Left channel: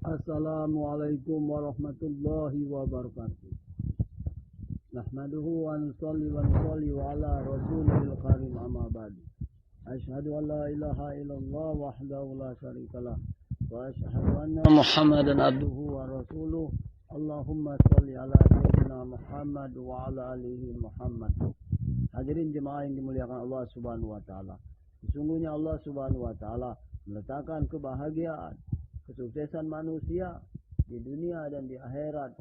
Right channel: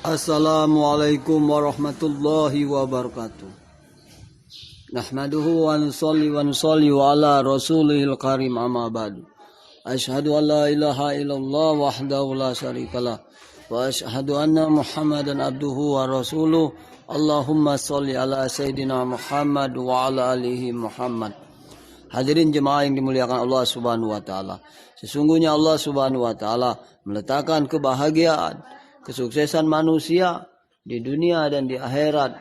Assalamualaikum warahmatullahi wabarakatuh. Nahmaduhu wa nusalli wa ala rasulihil karim amma ba'du. Asyhadu an la ilaha illallah wahdahu la syarikalah wa asyhadu anna Muhammadan abduhu wa rasuluh. Allahumma sholli ala sayyidina Muhammad wa ala alihi Muhammad. Hadirin jemaah yang dimuliakan Allah Subhanahu wa taala. Sesungguhnya Allah Subhanahu wa taala meletakkan kebahagiaan, kesuksesan manusia di dunia dan di akhirat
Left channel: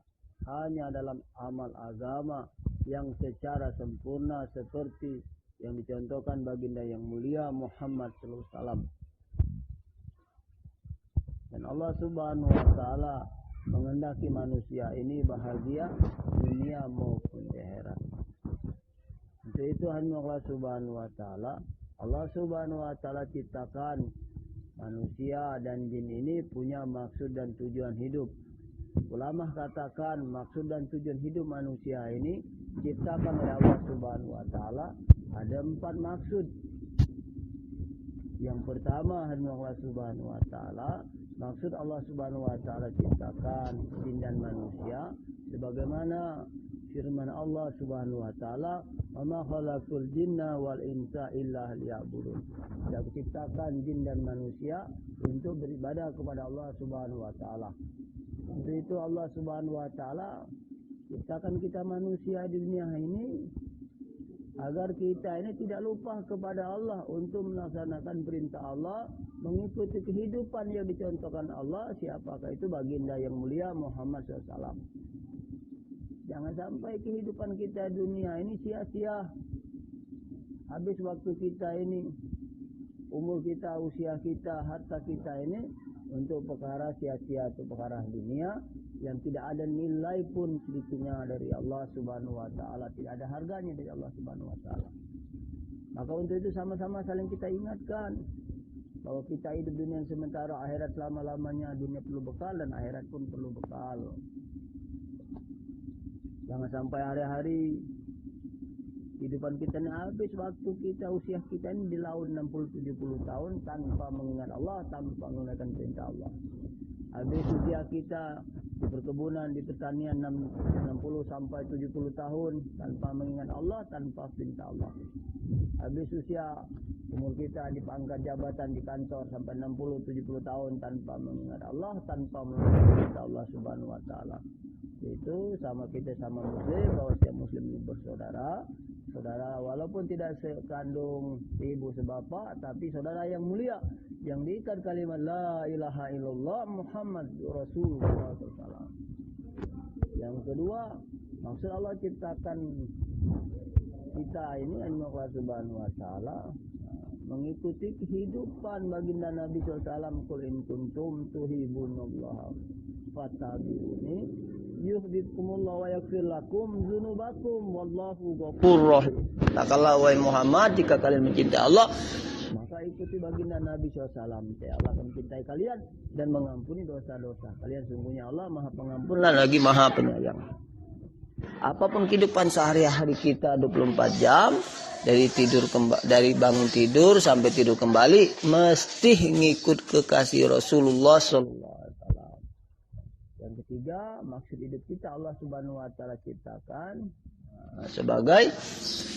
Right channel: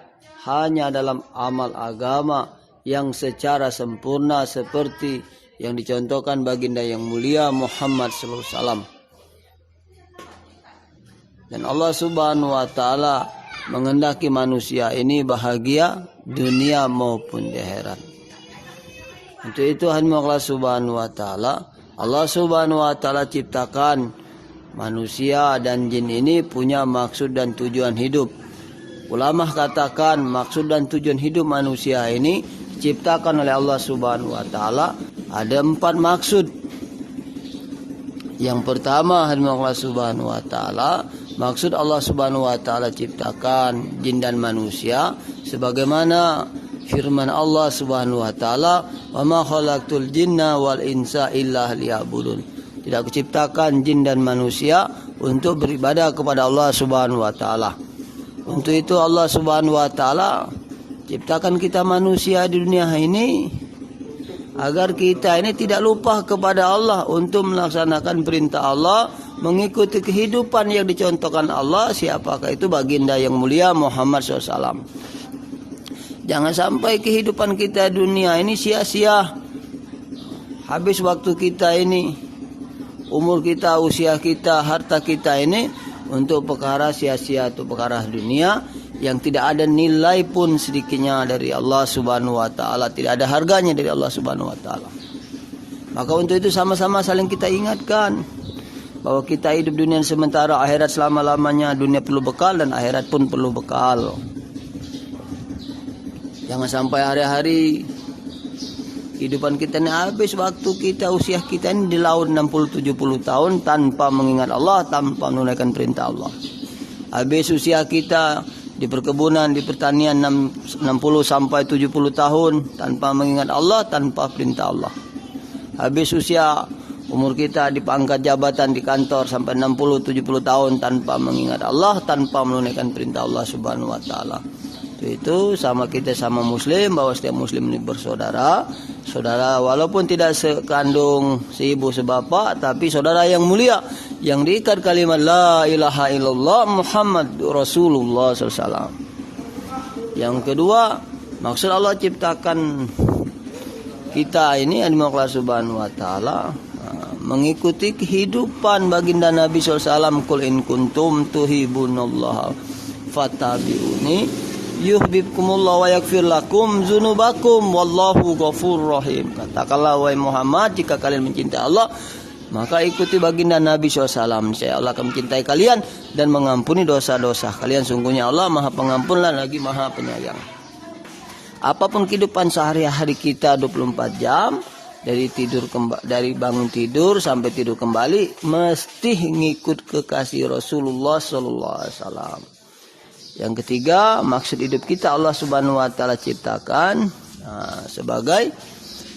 hanya dalam amal agama yang secara sempurna seperti yang dicontohkan baginda yang mulia Muhammad sallallahu alaihi wasallam. Dan Allah Subhanahu wa taala menghendaki manusia ini bahagia dunia maupun di akhirat. Untuk itu Allah Subhanahu wa taala, Allah Subhanahu wa taala ciptakan manusia dan jin ini punya maksud dan tujuan hidup. Ulama katakan maksud dan tujuan hidup manusia ini diciptakan oleh Allah Subhanahu wa taala ada 4 maksud. Yang pertama, Allah Subhanahu wa taala, maksud Allah Subhanahu wa taala ciptakan jin dan manusia sebagaimana firman Allah Subhanahu wa taala, "Wa ma khalaqtul jinna wal insa illa liya'budun." Tidak kuciptakan jin dan manusia untuk beribadah kepada Allah Subhanahu wa taala. Untuk itu Allah Subhanahu wa taala ciptakan kita manusia di dunia ini agar kita ini tidak lupa kepada Allah untuk melaksanakan perintah Allah, mengikuti kehidupan yang dicontohkan Allah, siapakah itu baginda yang mulia Muhammad SAW. Jangan sampai kehidupan kita dunia ini sia-sia. Habis waktu kita ini, umur kita, usia kita, harta kita ini untuk perkara sia-sia atau perkara dunia yang tidak ada nilai pun sedikitnya dari Allah Subhanahu wa taala, tidak ada harganya dari Allah Subhanahu wa taala. Maka untuk itu sama-sama saling kita ingatkan bahwa kita hidup dunia sementara, akhirat selama-lamanya. Dunia perlu bekal dan akhirat pun perlu bekal. Jangan sampai hari-hari kehidupan kita ini habis waktu kita, usia kita ini di laut 60-70 tahun tanpa mengingat Allah, tanpa menunaikan perintah Allah. Habis usia kita di perkebunan, di pertanian 60-70 tahun tanpa mengingat Allah, tanpa perintah Allah. Habis usia umur kita di pangkat jabatan di kantor sampai 60-70 tahun tanpa mengingat Allah, tanpa menunaikan perintah Allah Subhanahu wa taala. Itu sama kita sama muslim, bahwa setiap muslim ini bersaudara. Saudara walaupun tidak sekandung, seibu, sebapak, tapi saudara yang mulia, yang diikat kalimat la ilaha illallah Muhammad Rasulullah SAW. Yang kedua, maksud Allah ciptakan kita ini Allah Subhanahu wa taala mengikuti kehidupan baginda Nabi SAW. Qul in kuntum tuhibunallaha fattabi'uni yuhibbukumullah wa yaghfir lakum dzunubakum wallahu ghafurur rahim. Katakanlah wahai Muhammad, jika kalian mencintai Allah, maka ikuti baginda Nabi SAW. Saya Allah akan mencintai kalian dan mengampuni dosa-dosa kalian. Sungguhnya Allah Maha Pengampun dan lagi Maha Penyayang. Apapun kehidupan sehari-hari kita 24 jam, dari bangun tidur sampai tidur kembali, mesti ngikut kekasih Rasulullah sallallahu alaihi wasallam. Yang ketiga, maksud hidup kita Allah Subhanahu wa taala ciptakan sebagai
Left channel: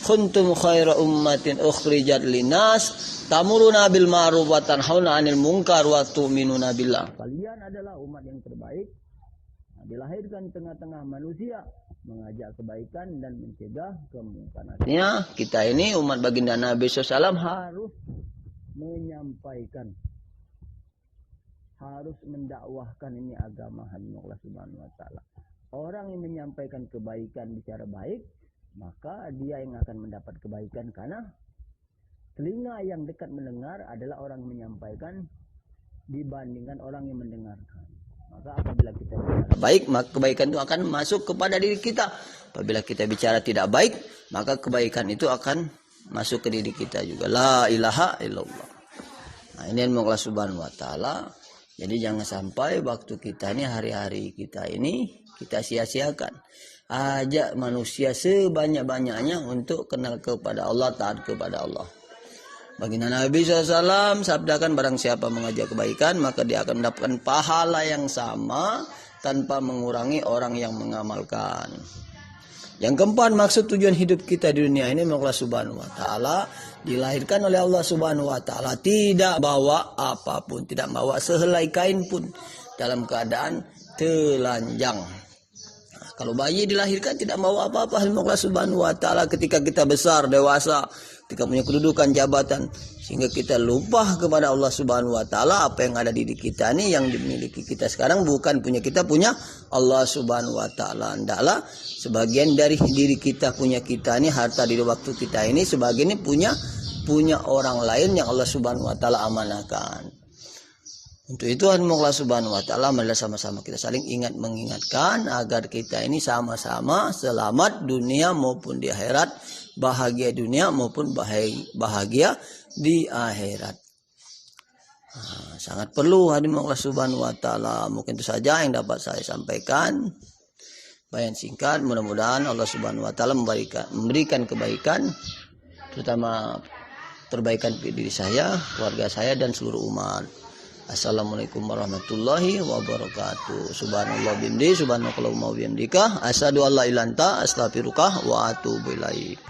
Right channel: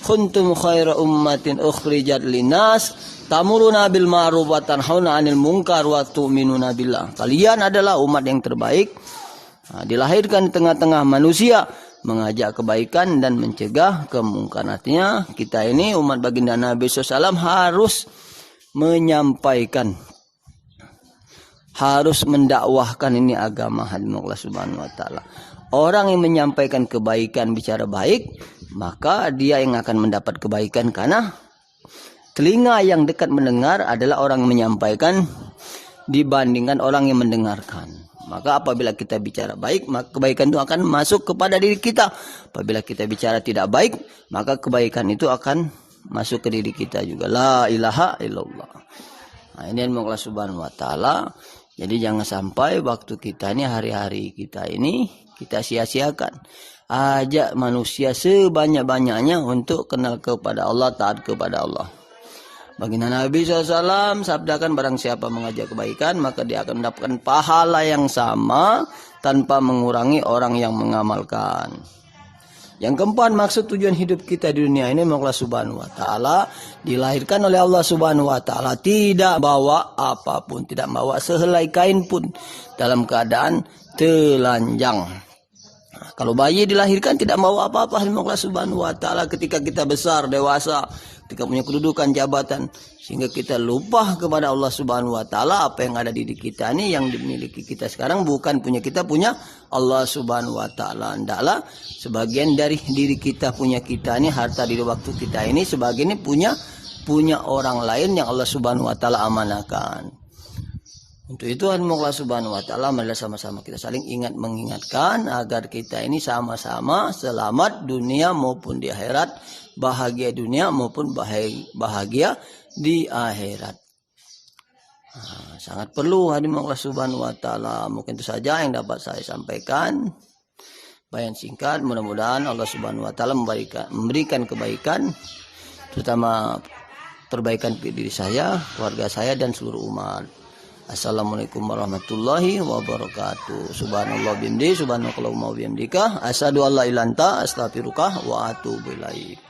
kuntum khaira ummatin ukhrijat linnas tamuruna bil ma'ruf wa tanhauna 'anil munkar wa tu'minuna billah. Kalian adalah umat yang terbaik, dilahirkan di tengah-tengah manusia, mengajak kebaikan dan mencegah kemungkaran. Artinya kita ini umat baginda Nabi SAW harus menyampaikan, harus mendakwahkan ini agama Allah Subhanahu wa taala. Orang yang menyampaikan kebaikan, bicara baik, maka dia yang akan mendapat kebaikan, karena telinga yang dekat mendengar adalah orang yang menyampaikan dibandingkan orang yang mendengarkan. Maka apabila kita bicara baik, maka kebaikan itu akan masuk kepada diri kita. Apabila kita bicara tidak baik, maka kebaikan itu akan masuk ke diri kita juga. La ilaha illallah. Nah, ini Allah Subhanahu wa taala. Jadi jangan sampai waktu kita ini, hari-hari kita ini kita sia-siakan. Ajak manusia sebanyak-banyaknya untuk kenal kepada Allah, taat kepada Allah. Baginda Nabi SAW sabdakan, barang siapa mengajak kebaikan maka dia akan mendapatkan pahala yang sama tanpa mengurangi orang yang mengamalkan. Yang keempat, maksud tujuan hidup kita di dunia ini Allah Subhanahu wa taala, dilahirkan oleh Allah Subhanahu wa taala, tidak bawa apapun, tidak bawa sehelai kain pun dalam keadaan telanjang. Kalau bayi dilahirkan tidak bawa apa-apa, Allah Subhanahu wa taala ketika kita besar, dewasa, ketika punya kedudukan, jabatan, sehingga kita lupa kepada Allah Subhanahu wa taala. Apa yang ada di diri kita ini, yang dimiliki kita sekarang bukan punya kita, punya Allah Subhanahu wa taala. Hendaklah sebagian dari diri kita, punya kita ini, harta di waktu kita ini, sebagian ini punya orang lain yang Allah Subhanahu wa taala amanahkan. Untuk itu Allah Subhanahu wa taala, marilah sama-sama kita saling ingat mengingatkan agar kita ini sama-sama selamat dunia maupun di akhirat, bahagia dunia maupun bahagia di akhirat. Sangat perlu hadirin Allah Subhanahu wa taala. Mungkin itu saja yang dapat saya sampaikan. Bayan singkat, mudah-mudahan Allah Subhanahu wa taala memberikan kebaikan, terutama perbaikan diri saya, keluarga saya dan seluruh umat. Assalamualaikum warahmatullahi wabarakatuh. Subhanallah bihamdi, subhanakallahumma wa bihamdika, asyhadu an la ilaha illa anta, astaghfiruka wa atubu ilaik.